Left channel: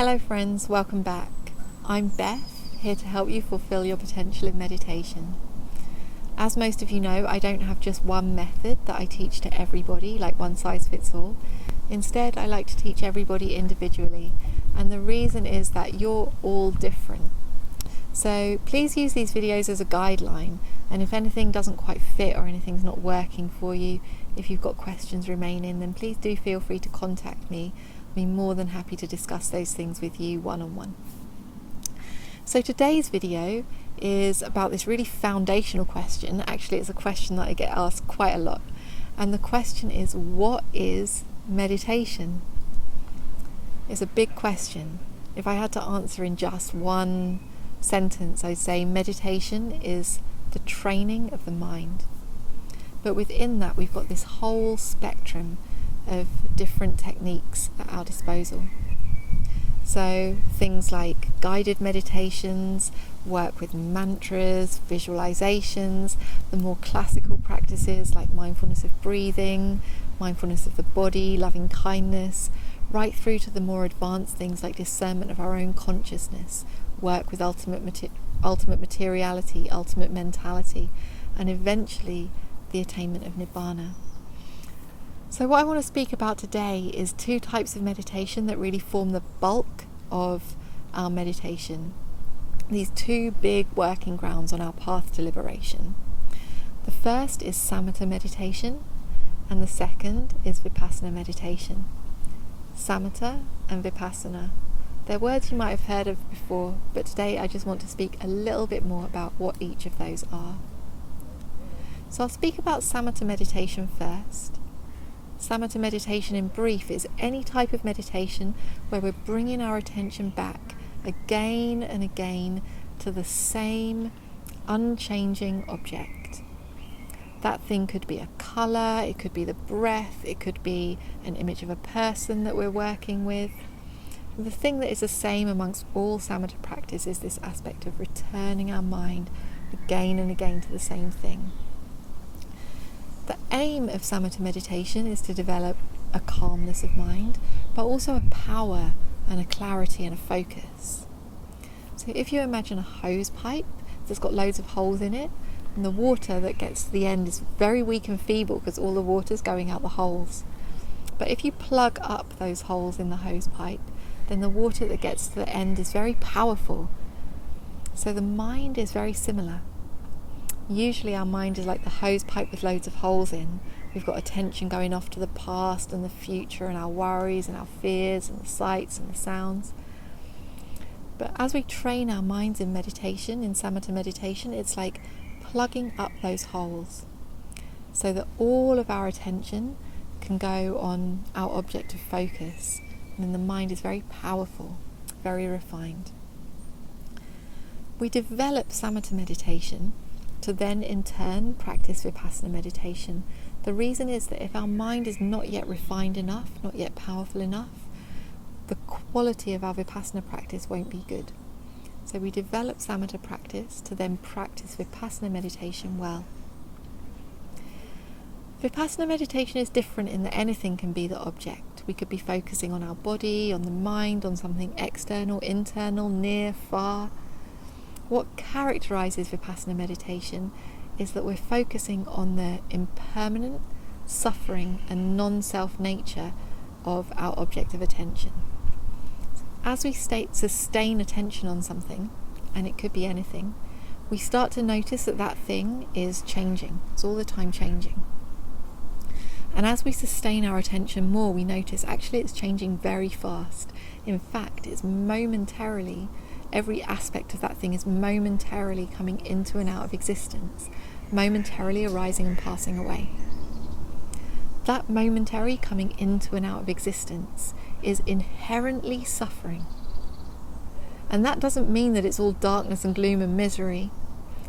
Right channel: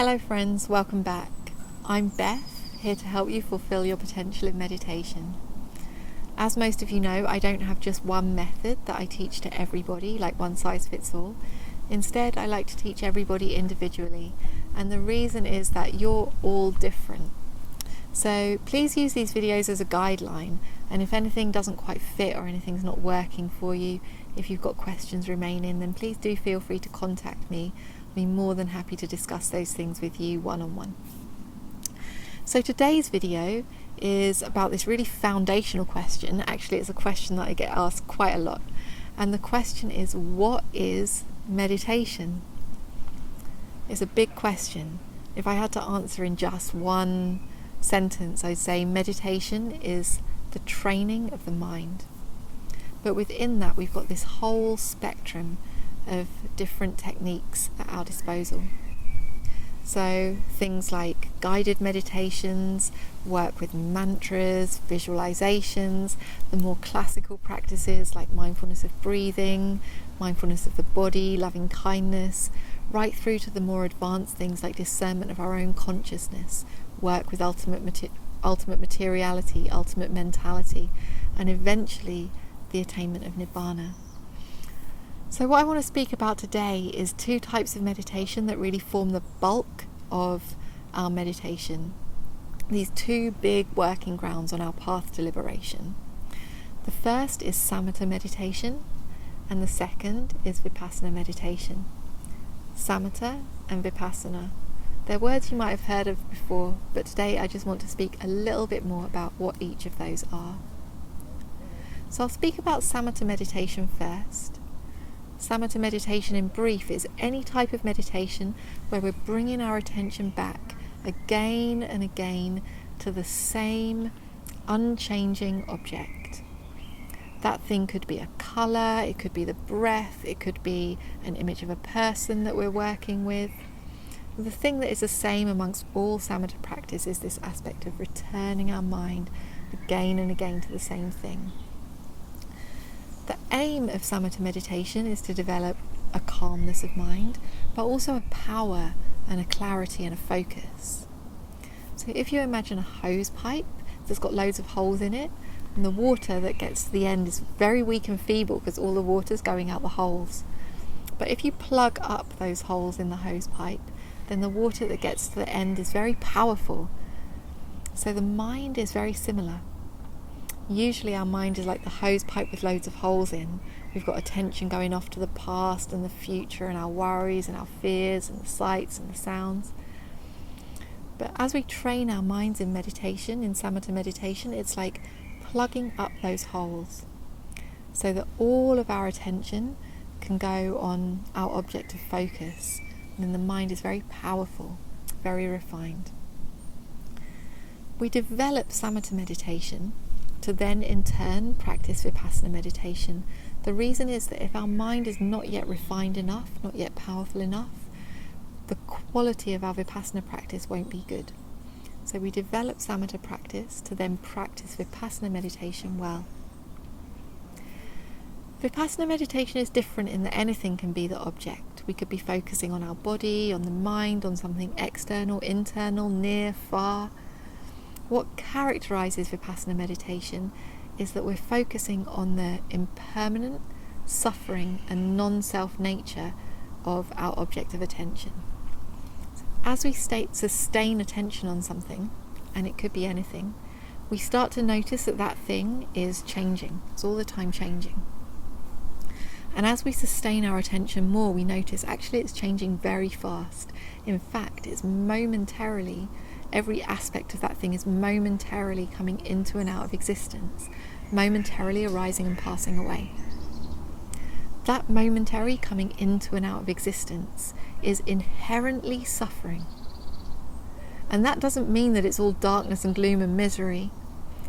Hello friends, welcome back. I'm Beth, here to help you fulfill your potential in meditation. As most of you know, I don't have just one method that I teach to everybody, like one size fits all. Instead, I like to teach everybody individually, and the reason is that you're all different. So please use these videos as a guideline, and if anything doesn't quite fit or anything's not working for you, if you've got questions remaining, then please do feel free to contact me. I'll be more than happy to discuss those things with you one-on-one. So today's video is about this really foundational question. Actually, it's a question that I get asked quite a lot. And the question is, what is meditation? It's a big question. If I had to answer in just one sentence, I'd say meditation is the training of the mind. But within that, we've got this whole spectrum of different techniques at our disposal. So things like guided meditations, work with mantras, visualizations, the more classical practices like mindfulness of breathing, mindfulness of the body, loving kindness, right through to the more advanced things like discernment of our own consciousness, work with ultimate materiality, ultimate mentality, and eventually the attainment of nibbana. So what I want to speak about today is two types of meditation that really form the bulk of our meditation. These two big working grounds on our path to liberation. The first is Samatha meditation, and the second is Vipassana meditation. Samatha and Vipassana. They're words you might have heard of before, but today I just want to speak a little bit more about what each of those are. So I'll speak about Samatha meditation first. Samatha meditation in brief is any type of meditation where we're bringing our attention back again and again to the same unchanging object. That thing could be a colour, it could be the breath, it could be an image of a person that we're working with. The thing that is the same amongst all Samatha practice is this aspect of returning our mind again and again to the same thing. The aim of Samatha meditation is to develop a calmness of mind, but also a power and a clarity and a focus. So if you imagine a hose pipe that's got loads of holes in it, and the water that gets to the end is very weak and feeble because all the water's going out the holes. But if you plug up those holes in the hose pipe, then the water that gets to the end is very powerful. So the mind is very similar. Usually our mind is like the hose pipe with loads of holes in. We've got attention going off to the past and the future and our worries and our fears and the sights and the sounds. But as we train our minds in meditation, in Samatha meditation, it's like plugging up those holes so that all of our attention can go on our object of focus. And then the mind is very powerful, very refined. We develop Samatha meditation to then in turn practice Vipassana meditation. The reason is that if our mind is not yet refined enough, not yet powerful enough, the quality of our Vipassana practice won't be good. So we develop Samatha practice to then practice Vipassana meditation well. Vipassana meditation is different in that anything can be the object. We could be focusing on our body, on the mind, on something external, internal, near, far. What characterises Vipassana meditation is that we're focusing on the impermanent, suffering and non-self nature of our object of attention. As we sustain attention on something, and it could be anything, we start to notice that that thing is changing. It's all the time changing. And as we sustain our attention more, we notice actually it's changing very fast. In fact, it's momentarily, every aspect of that thing is momentarily coming into and out of existence, momentarily arising and passing away. That momentary coming into and out of existence is inherently suffering. And that doesn't mean that it's all darkness and gloom and misery.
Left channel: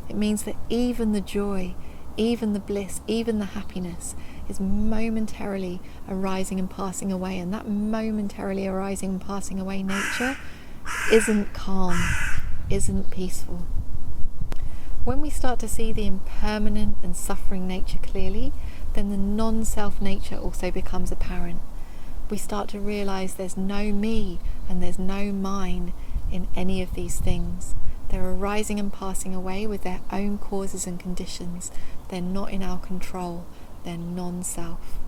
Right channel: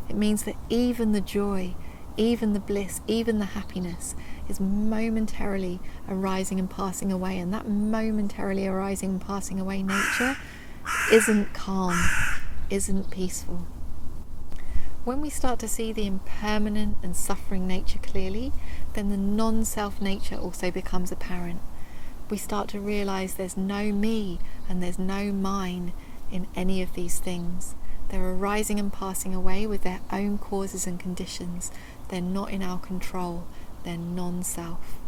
It means that even the joy, even the bliss, even the happiness is momentarily arising and passing away. And that momentarily arising and passing away nature isn't calm, isn't peaceful. When we start to see the impermanent and suffering nature clearly, then the non-self nature also becomes apparent. we start to realize there's no me and there's no mine in any of these things. They're arising and passing away with their own causes and conditions. They're not in our control. They're non-self.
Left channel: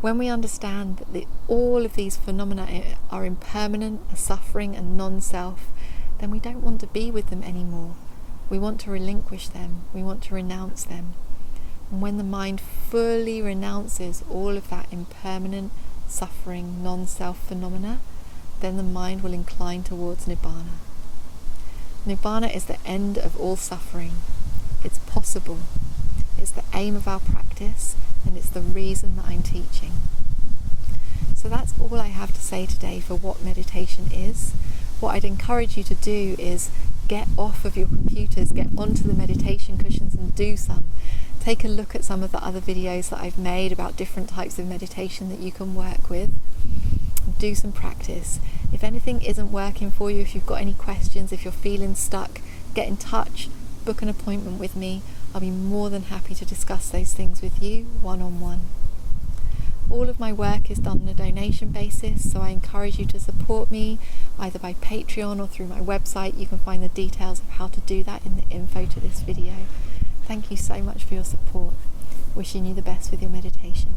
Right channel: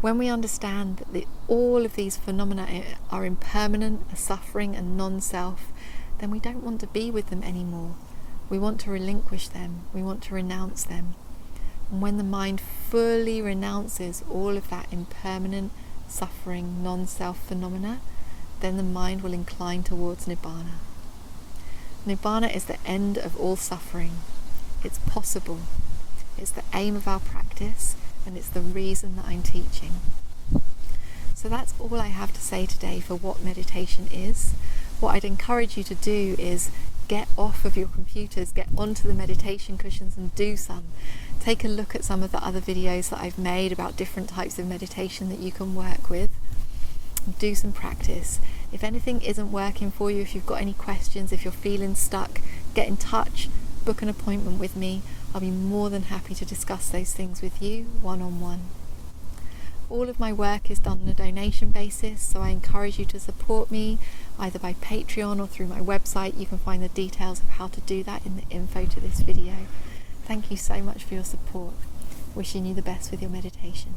When we understand that all of these phenomena are impermanent, are suffering and non-self, then we don't want to be with them anymore. We want to relinquish them. We want to renounce them. And when the mind fully renounces all of that impermanent, suffering, non-self phenomena, then the mind will incline towards Nibbana. Nibbana is the end of all suffering. It's possible. It's the aim of our practice, and it's the reason that I'm teaching. So that's all I have to say today for what meditation is. What I'd encourage you to do is get off of your computers, get onto the meditation cushions and do some. Take a look at some of the other videos that I've made about different types of meditation that you can work with. Do some practice. If anything isn't working for you, if you've got any questions, if you're feeling stuck, get in touch, book an appointment with me. I'll be more than happy to discuss those things with you one-on-one. All of my work is done on a donation basis, so I encourage you to support me either by Patreon or through my website. You can find the details of how to do that in the info to this video. Thank you so much for your support. Wishing you the best with your meditation.